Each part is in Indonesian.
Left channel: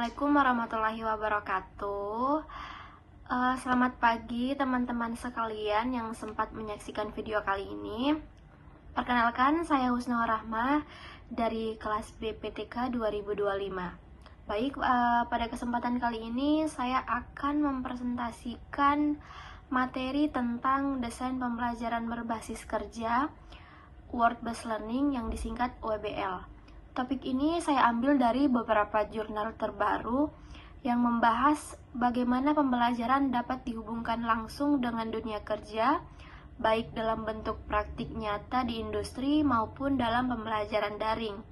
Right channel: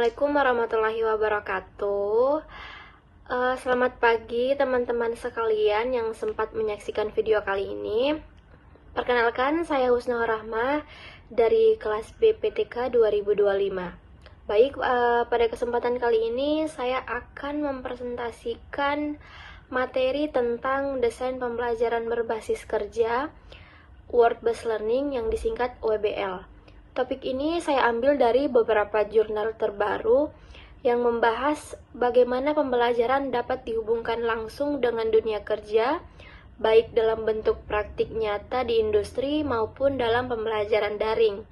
Assalamualaikum warahmatullahi wabarakatuh. Selamat pagi teman-teman sekalian yang sempat menyaksikan video kali ini. Perkenalkan, saya Husna Rahmah dari kelas BPTK 2025. Baik, pada kesempatan kali ini saya akan mempresentasikan materi tentang desain pembelajaran berbasis kerja World Based Learning yang disingkat WBL. Topik ini saya ambil dari beberapa jurnal terbaru yang membahas bagaimana pembelajaran dapat dihubungkan langsung dengan dunia kerja, baik dalam bentuk praktik nyata di industri maupun dalam pembelajaran daring.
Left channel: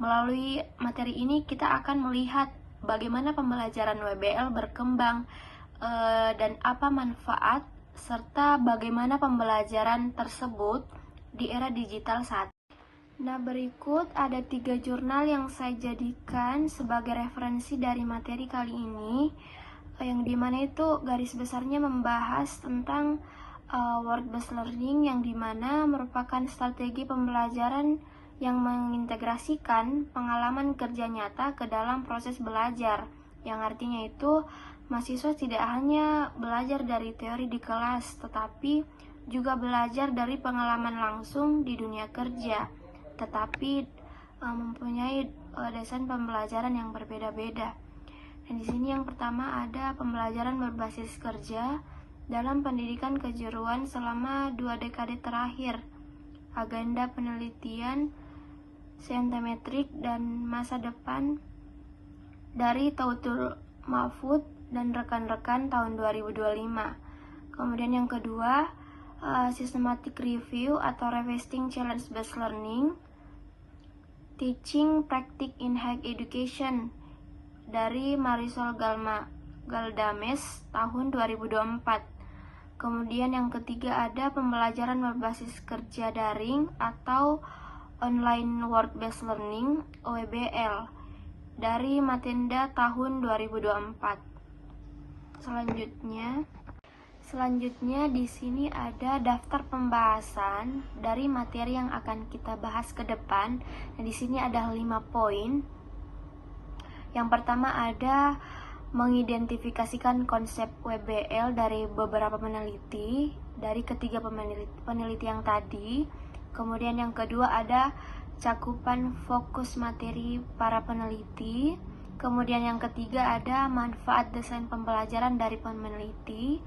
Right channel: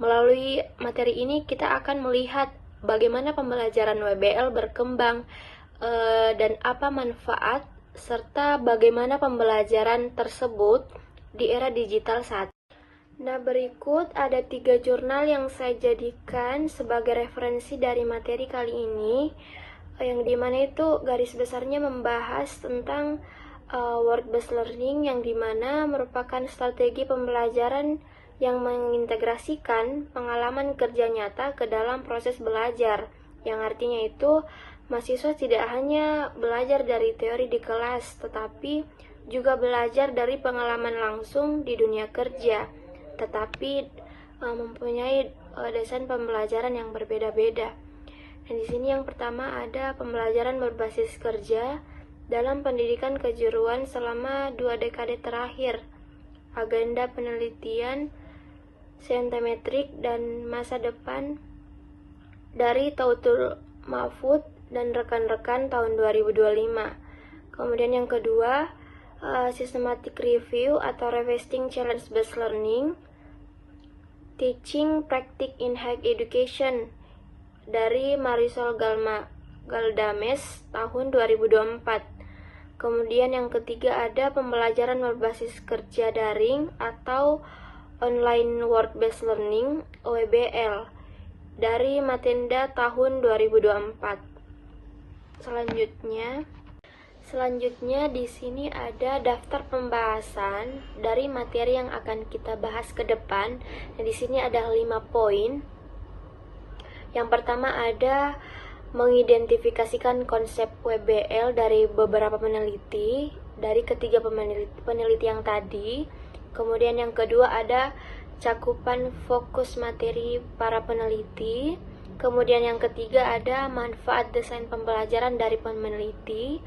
Melalui materi ini kita akan melihat bagaimana pembelajaran WBL berkembang dan apa manfaat serta bagaimana pembelajaran tersebut di era digital saat ini. Nah, berikut ada 3 jurnal yang saya jadikan sebagai referensi dari materi kali ini, yang dimana itu garis besarnya membahas tentang World Based Learning, yang dimana merupakan strategi pembelajaran yang mengintegrasikan pengalaman kerja nyata ke dalam proses belajar, yang artinya itu mahasiswa tidak hanya belajar dari teori di kelas, tetapi juga belajar dari pengalaman langsung di dunia kerja, tetapi mempunyai desain pembelajaran yang berbeda-beda. Dan di sini yang pertama ada pembelajaran berbasis kerja dalam pendidikan kejuruan selama 2 dekade terakhir, agenda penelitian saintimetrik dan masa depan dari Tautul Mahfud dan rekan-rekan tahun 2025. Kemudian yang kedua, systematic review atau revisiting challenge based learning, teaching practice in higher education dari Marisol Galdames tahun 2024. Kemudian yang ketiga ada pembelajaran berbasis kerja daring atau online world based learning (OEBL) dari Matenda tahun 2024. Selanjutnya di sini ada daftar pembahasan dari materi yang akan kita bahas ke depan. Nah, di sini ada 5 poin. Yang pertama ada mengidentifikasikan konsep WBL dari beberapa peneliti, dari ketiga peneliti yang tadi. Kemudian yang kedua ada cakupan fokus materi para peneliti. Kemudian yang ketiga ada manfaat desain pembelajaran dari peneliti.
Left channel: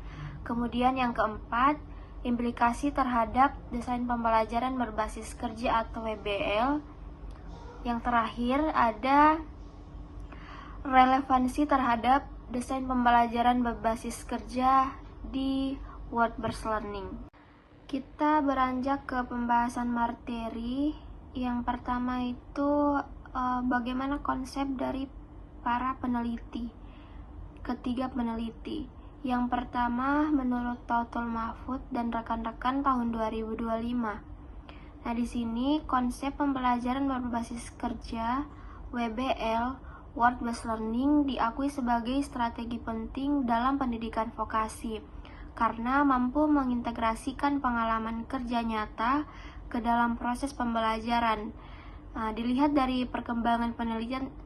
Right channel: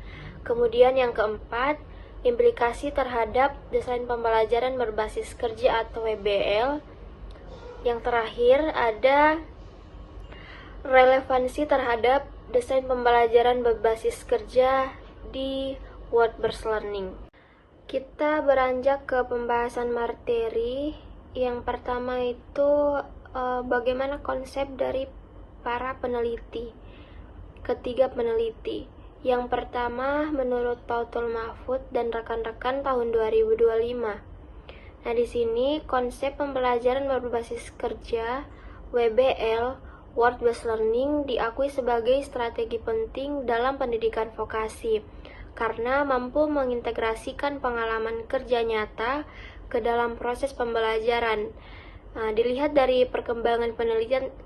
Kemudian yang keempat, implikasi terhadap desain pembelajaran berbasis kerja atau WBL. Yang terakhir ada relevansi terhadap desain pembelajaran berbasis kerja di World Based Learning. Kita beranjak ke pembahasan materi. Yang pertama itu bagaimana konsep dari para peneliti, ketiga peneliti. Yang pertama, menurut Tautul Mahfud dan rekan-rekan tahun 2025. Nah, di sini konsep pembelajaran berbasis kerja WBL World Based Learning diakui sebagai strategi penting dalam pendidikan vokasi karena mampu mengintegrasikan pengalaman kerja nyata ke dalam proses pembelajaran. Nah, dilihat dari perkembangan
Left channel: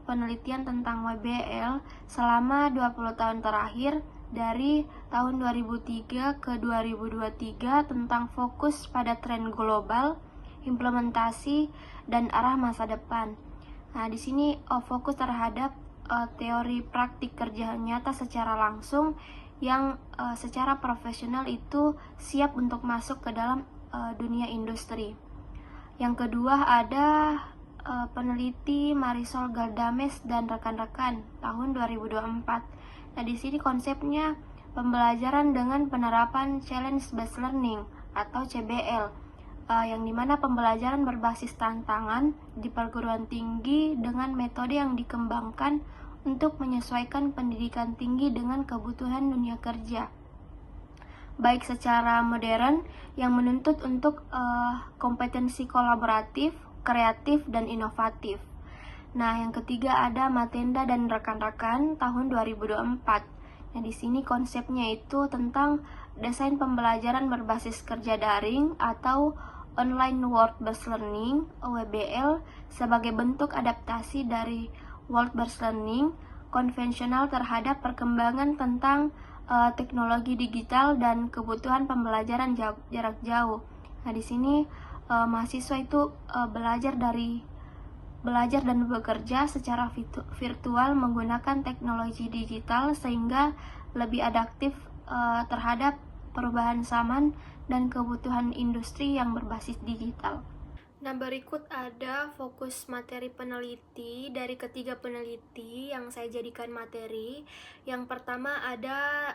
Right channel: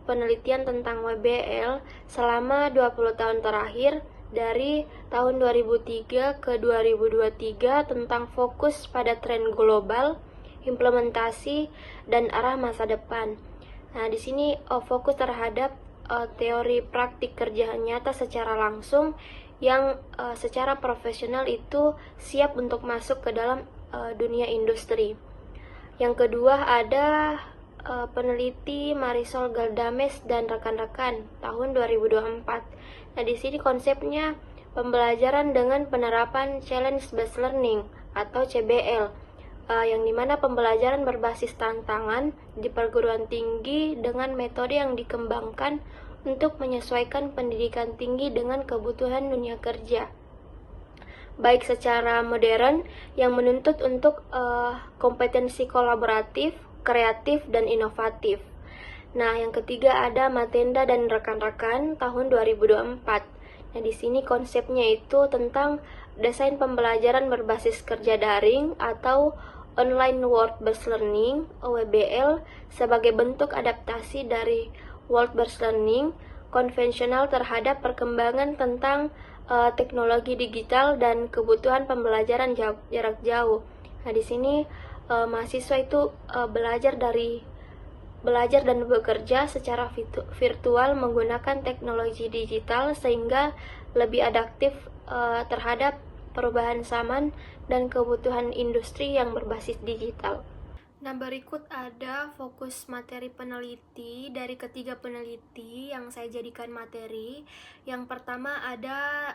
penelitian tentang WBL selama 20 tahun terakhir, dari tahun 2003 ke 2023 tentang fokus pada tren global, implementasi, dan arah masa depan. Nah, di sini fokus terhadap teori praktik kerja nyata secara langsung yang secara profesional itu siap untuk masuk ke dalam dunia industri. Yang kedua ada peneliti Marisol Galdames dan rekan-rekan tahun 2024. Nah, di sini konsepnya pembelajaran dengan penerapan challenge based learning atau CBL, yang dimana pembelajaran berbasis tantangan di perguruan tinggi dengan metode yang dikembangkan untuk menyesuaikan pendidikan tinggi dengan kebutuhan dunia kerja, baik secara modern yang menuntut untuk kompetensi kolaboratif, kreatif, dan inovatif. Nah, yang ketiga ada Matenda dan rekan-rekan tahun 2024. Nah, di sini konsepnya itu tentang desain pembelajaran berbasis kerja daring atau online world based learning (OWBL) sebagai bentuk adaptasi dari world based learning konvensional terhadap perkembangan tentang teknologi digital dan kebutuhan pembelajaran jarak jauh. Nah, di sini mahasiswa itu belajar dan bekerja secara virtual menggunakan teknologi digital sehingga lebih adaptif terhadap perubahan zaman dan kebutuhan industri yang berbasis digital. Nah, berikut ada fokus materi peneliti dari ketiga peneliti yang saya jadikan materi. Yang pertama ada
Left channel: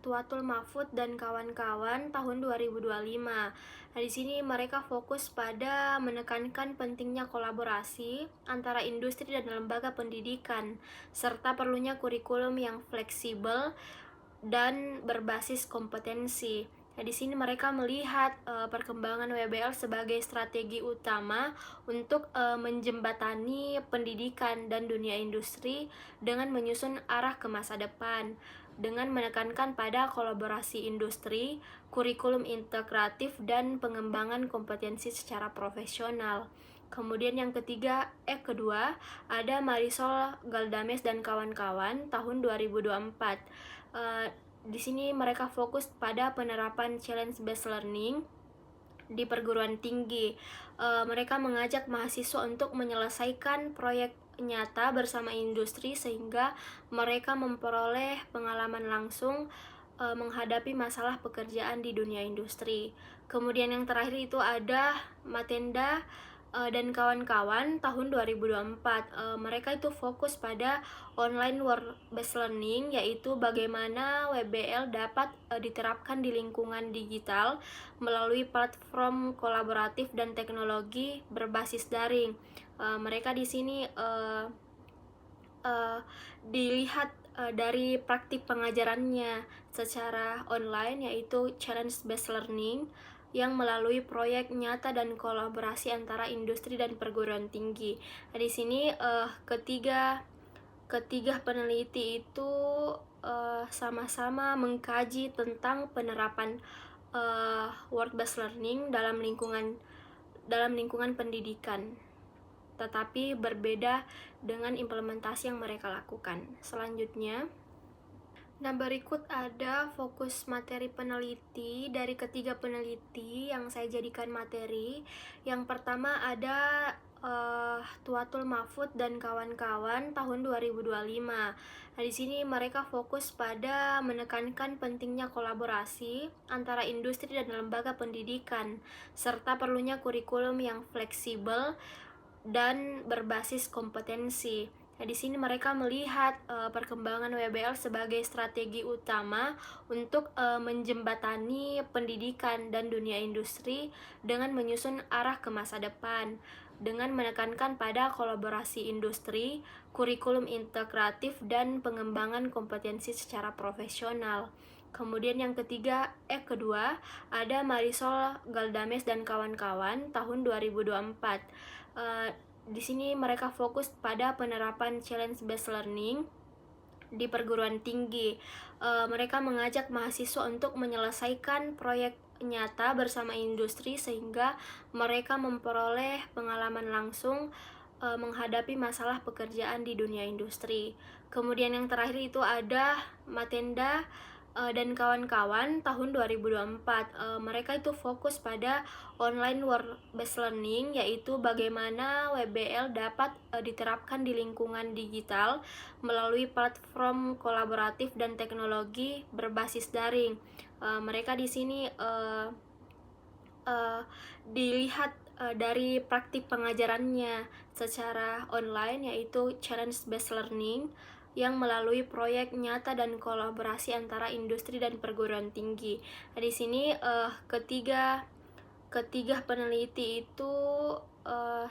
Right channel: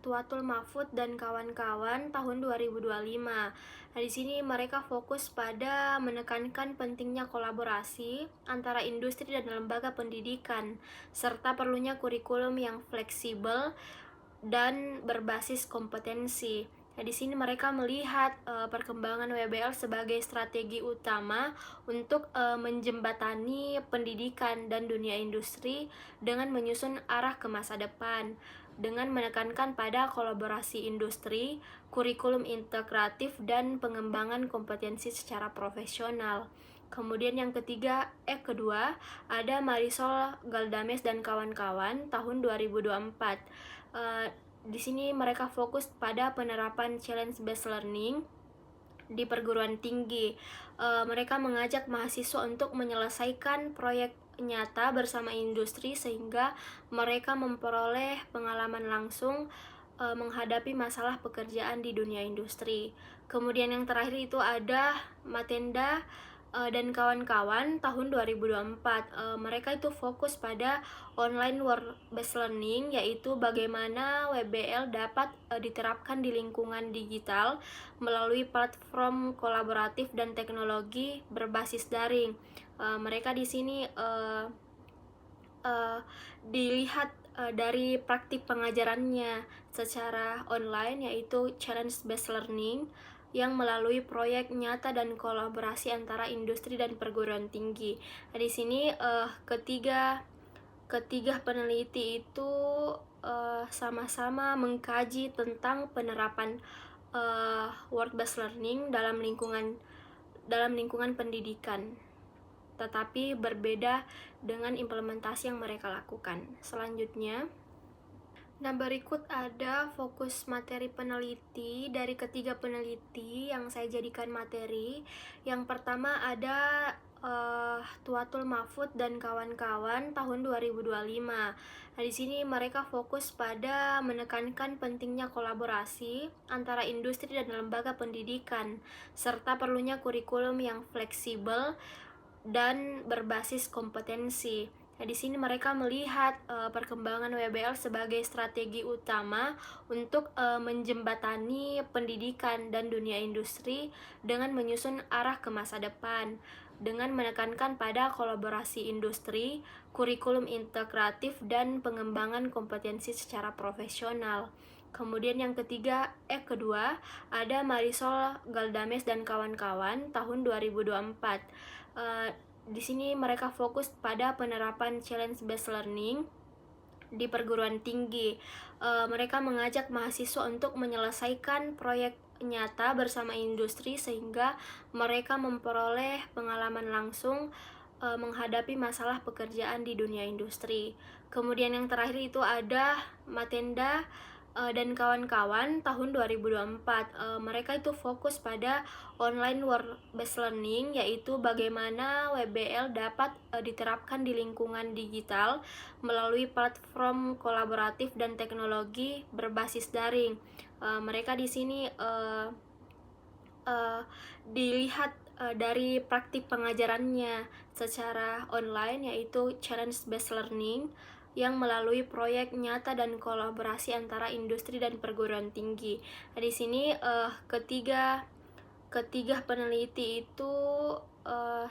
Tuatul Mahfud dan kawan-kawan tahun 2025. Nah, di sini mereka fokus pada menekankan pentingnya kolaborasi antara industri dan lembaga pendidikan, serta perlunya kurikulum yang fleksibel dan berbasis kompetensi. Nah, di sini mereka melihat perkembangan WBL sebagai strategi utama untuk menjembatani pendidikan dan dunia industri dengan menyusun arah ke masa depan, dengan menekankan pada kolaborasi industri, kurikulum integratif, dan pengembangan kompetensi secara profesional. Kemudian yang kedua ada Marisol Galdames dan kawan-kawan tahun 2024. Di sini mereka fokus pada penerapan challenge based learning di perguruan tinggi. Mereka mengajak mahasiswa untuk menyelesaikan proyek nyata bersama industri sehingga mereka memperoleh pengalaman langsung menghadapi masalah pekerjaan di dunia industri. Kemudian yang terakhir itu ada Matenda dan kawan-kawan tahun 2024. Mereka itu fokus pada online work based learning, yaitu bagaimana WBL dapat diterapkan di lingkungan digital melalui platform kolaboratif dan teknologi berbasis daring. Mereka di sini dilihat dari praktik pengajarannya secara online, yaitu challenge based learning yang melalui proyek nyata dan kolaborasi antara industri dan perguruan tinggi. Nah, di sini ketiga peneliti itu sama-sama mengkaji tentang penerapan work based learning dalam lingkungan pendidikan, tetapi berbeda dengan implementasi yang mereka lakukan. Selanjutnya, nah, berikut ada fokus materi peneliti dari ketiga peneliti yang saya jadikan materi. Yang pertama ada Tuatul Mahfud dan kawan-kawan tahun 2025. Nah, di sini mereka fokus pada menekankan pentingnya kolaborasi antara industri dan lembaga pendidikan, serta perlunya kurikulum yang fleksibel dan berbasis kompetensi. Nah, di sini mereka melihat perkembangan WBL sebagai strategi utama untuk menjembatani pendidikan dan dunia industri dengan menyusun arah ke masa depan, dengan menekankan pada kolaborasi industri, kurikulum integratif, dan pengembangan kompetensi secara profesional. Kemudian yang kedua ada Marisol Galdames dan kawan-kawan tahun 2024. Di sini mereka fokus pada penerapan challenge based learning di perguruan tinggi. Mereka mengajak mahasiswa untuk menyelesaikan proyek nyata bersama industri sehingga mereka memperoleh pengalaman langsung menghadapi masalah pekerjaan di dunia industri. Kemudian yang terakhir itu ada Matenda dan kawan-kawan tahun 2024. Mereka itu fokus pada online work based learning, yaitu bagaimana WBL dapat diterapkan di lingkungan digital melalui platform kolaboratif dan teknologi berbasis daring. Mereka di sini dilihat dari praktik pengajarannya secara online, yaitu challenge based learning yang melalui proyek nyata dan kolaborasi antara industri dan perguruan tinggi. Nah, di sini ketiga peneliti itu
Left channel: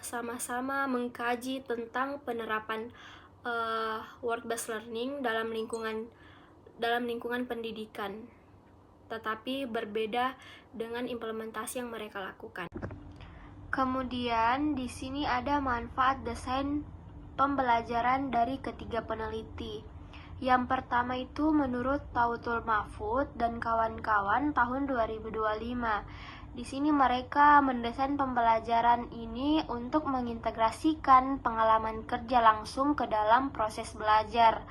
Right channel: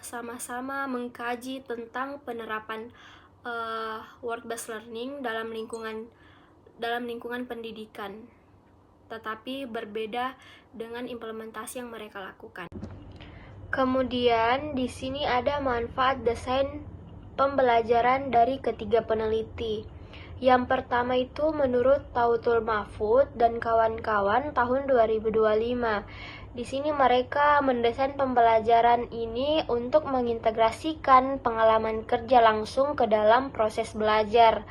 sama-sama mengkaji tentang penerapan work based learning dalam lingkungan pendidikan, tetapi berbeda dengan implementasi yang mereka lakukan. Kemudian di sini ada manfaat desain pembelajaran dari ketiga peneliti. Yang pertama itu menurut Tautul Mahfud dan kawan-kawan tahun 2025. Di sini mereka mendesain pembelajaran ini untuk mengintegrasikan pengalaman kerja langsung ke dalam proses belajar.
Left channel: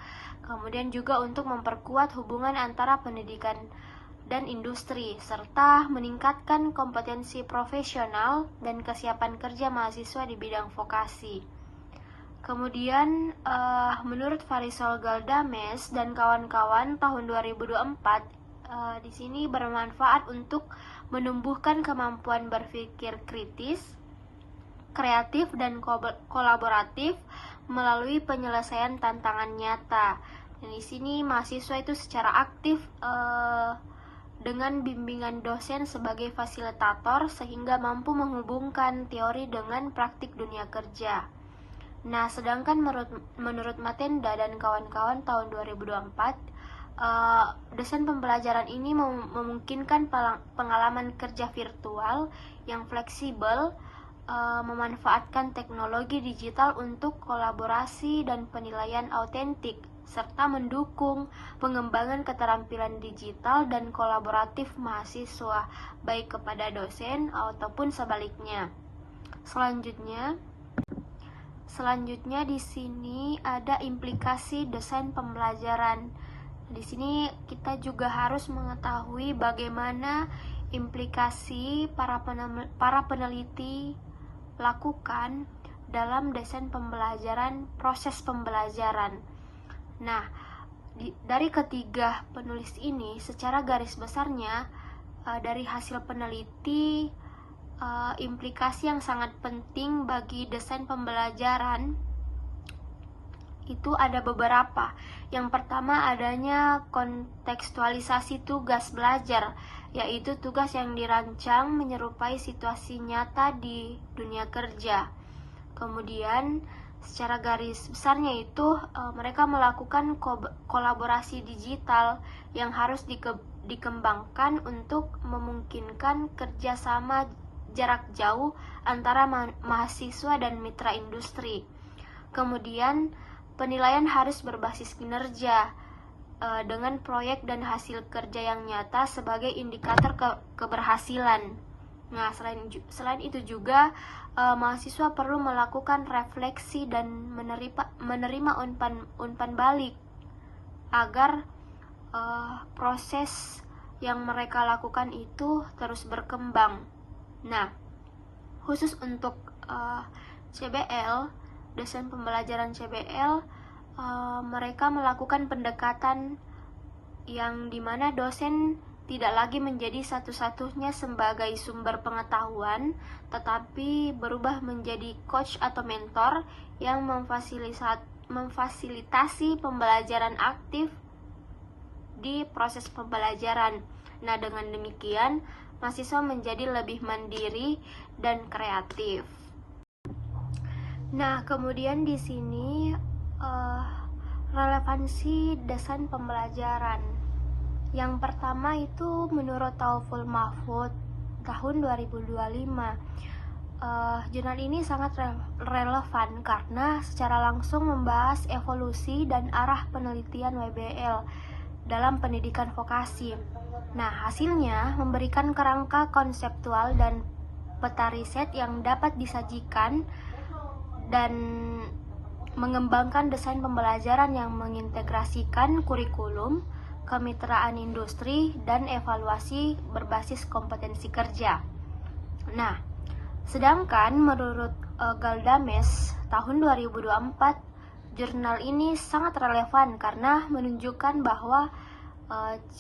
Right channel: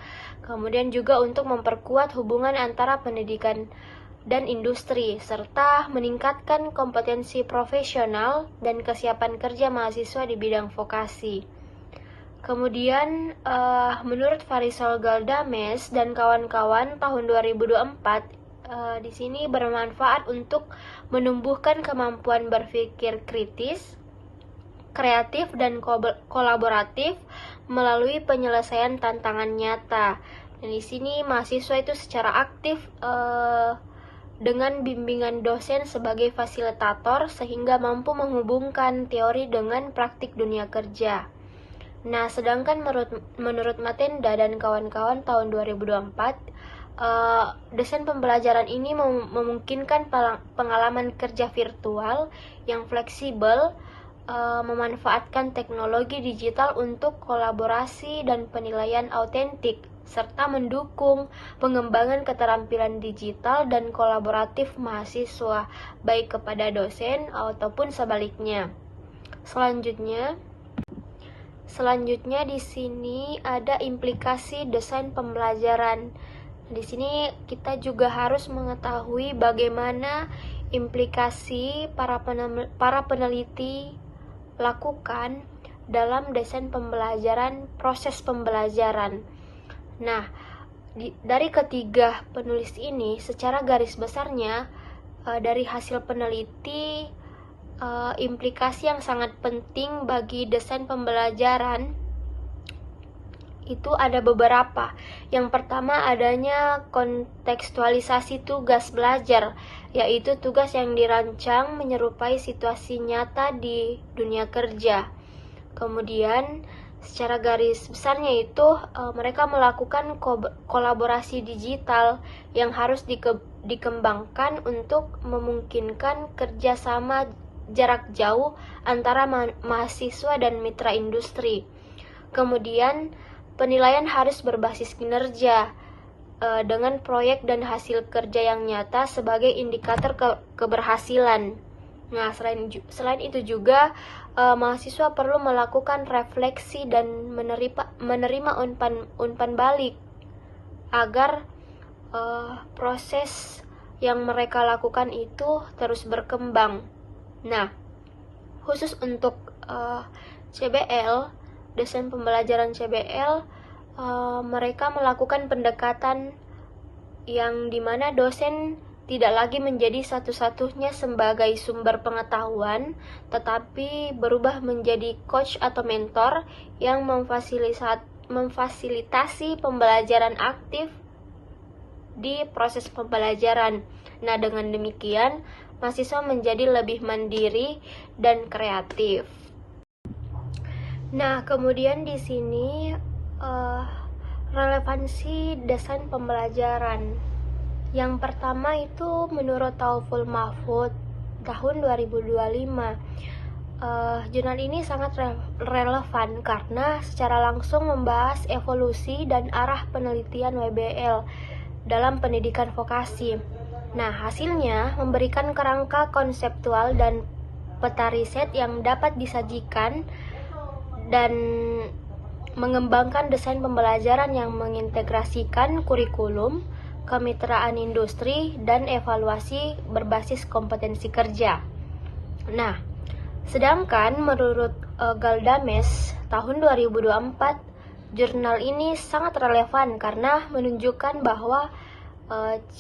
Kemudian juga untuk memperkuat hubungan antara pendidikan dan industri, serta meningkatkan kompetensi profesional dan kesiapan kerja mahasiswa di bidang vokasi. Kemudian, menurut Farisal Galdames dan kawan-kawan tahun 2024, di sini bermanfaat untuk menumbuhkan kemampuan berpikir kritis, kreatif, dan kolaboratif melalui penyelesaian tantangan nyata. Dan di sini mahasiswa itu secara aktif dengan bimbingan dosen sebagai fasilitator sehingga mampu menghubungkan teori dengan praktik dunia kerja. Nah, sedangkan menurut Matenda dan kawan-kawan tahun 2024, desain pembelajaran ini memungkinkan pengalaman kerja virtual yang fleksibel, memanfaatkan teknologi digital untuk kolaborasi dan penilaian autentik, serta mendukung pengembangan keterampilan digital dan kolaboratif mahasiswa, baik kepada dosen ataupun sebaliknya. Selanjutnya di sini ada implikasi desain pembelajaran. Di sini kita juga harus mengetahui bagaimana implikasi para peneliti lakukan dalam desain pembelajaran, proses pembelajaran. Nah, dari ketiga penulis ini, secara garis besarnya dari hasil peneliti, implikasi yang sangat penting bagi desain pembelajaran itu ada beberapa. Yang pertama, adanya kontekstualisasi tugas belajar, yaitu tugas yang dirancang menyerupai situasi nyata di dunia kerja. Kemudian, secara garis besarnya itu mereka melakukan kolaborasi digital yang harus dikembangkan untuk memungkinkan kerjasama jarak jauh antara mahasiswa dan mitra industri. Kemudian, penilaian harus berbasis kinerja dengan proyek dan hasil kerja yang nyata sebagai indikator keberhasilan. Nah, selain itu juga mahasiswa perlu melakukan refleksi dan menerima umpan balik agar proses yang mereka lakukan itu terus berkembang. Nah, khusus untuk CBL, desain pembelajaran CBL, mereka melakukan pendekatan yang dimana dosen tidak lagi menjadi satu-satunya sebagai sumber pengetahuan, tetapi berubah menjadi coach atau mentor yang memfasilitasi pembelajaran aktif di proses pembelajaran. Nah, dengan demikian, mahasiswa menjadi lebih mandiri dan kreatif. Nah, kemudian di sini relevansi desain pembelajaran. Yang pertama itu menurut Tautul Mahfud tahun 2025. Jurnal ini sangat relevan karena secara langsung membahas evolusi dan arah penelitian WBL dalam pendidikan vokasi. Nah, hasilnya memberikan kerangka konseptual dan peta riset yang dapat disajikan dan mengembangkan desain pembelajaran yang mengintegrasikan kurikulum, kemitraan industri, dan evaluasi berbasis kompetensi kerja. Nah, sedangkan menurut Galdames tahun 2024, jurnal ini sangat relevan karena menunjukkan bahwa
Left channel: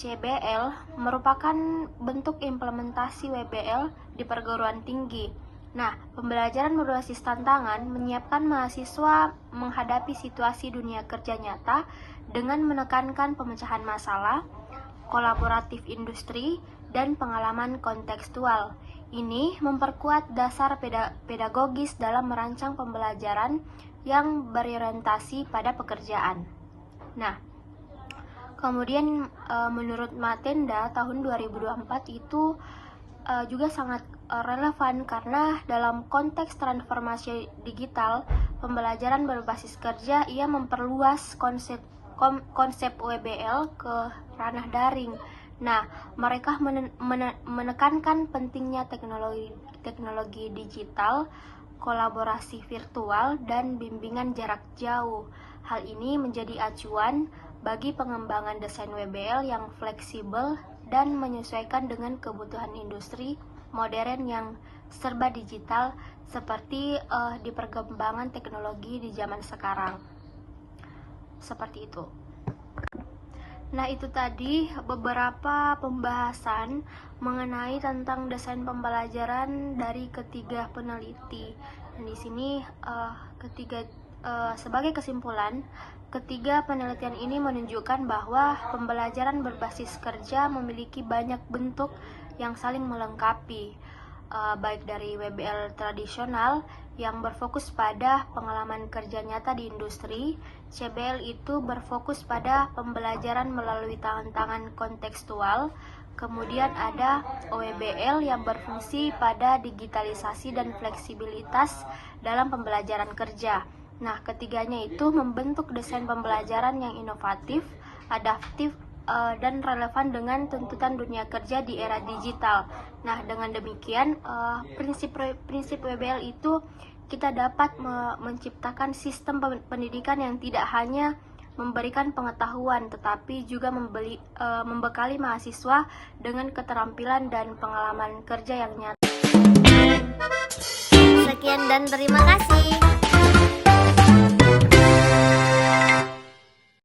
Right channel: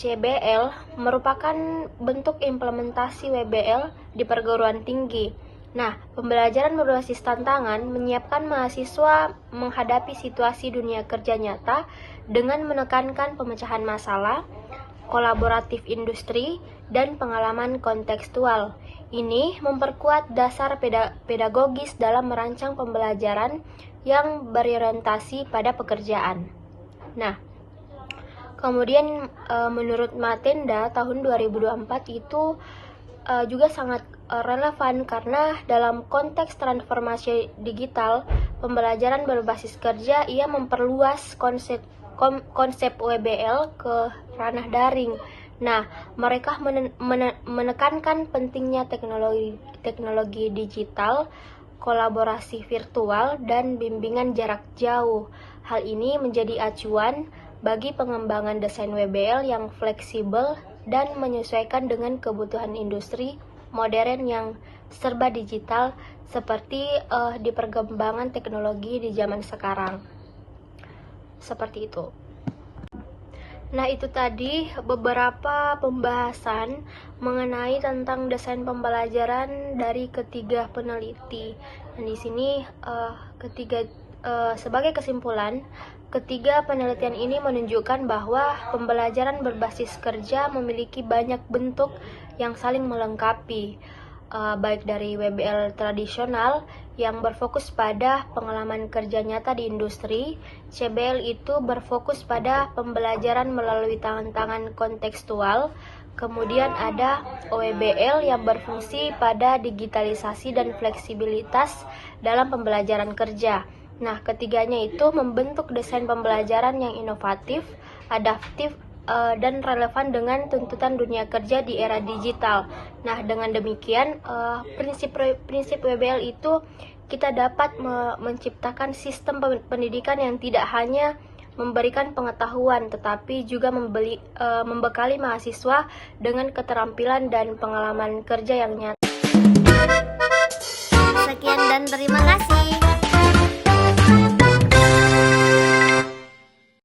CBL merupakan bentuk implementasi WBL di perguruan tinggi. Nah, pembelajaran berbasis tantangan menyiapkan mahasiswa menghadapi situasi dunia kerja nyata dengan menekankan pemecahan masalah, kolaboratif industri, dan pengalaman kontekstual. Ini memperkuat dasar pedagogis dalam merancang pembelajaran yang berorientasi pada pekerjaan. Nah, kemudian menurut Matenda tahun 2024 itu juga sangat relevan karena dalam konteks transformasi digital, pembelajaran berbasis kerja ia memperluas konsep WBL ke ranah daring. Nah, mereka menekankan pentingnya teknologi digital, kolaborasi virtual, dan bimbingan jarak jauh. Hal ini menjadi acuan bagi pengembangan desain WBL yang fleksibel dan menyesuaikan dengan kebutuhan industri modern yang serba digital seperti di perkembangan teknologi di zaman sekarang. Seperti itu. Nah, itu tadi beberapa pembahasan mengenai tentang desain pembelajaran dari ketiga peneliti. Dan di sini sebagai kesimpulan, ketiga penelitian ini menunjukkan bahwa pembelajaran berbasis kerja memiliki banyak bentuk yang saling melengkapi, baik dari WBL tradisional yang berfokus pada pengalaman kerja nyata di industri. CBL itu berfokus pada pembelajaran melalui tantangan kontekstual. Kemudian ada OEBL yang berfungsi pada digitalisasi dan fleksibilitas dalam pembelajaran kerja. Nah, ketiganya itu membentuk desain pembelajaran yang inovatif, adaptif, dan relevan dengan tuntutan dunia kerja di era digital. Nah, dengan demikian prinsip WBL itu kita dapat menciptakan sistem pendidikan yang tidak hanya memberikan pengetahuan tetapi juga membekali mahasiswa dengan keterampilan dan pengalaman kerja yang nyata. Sekian dan terima kasih.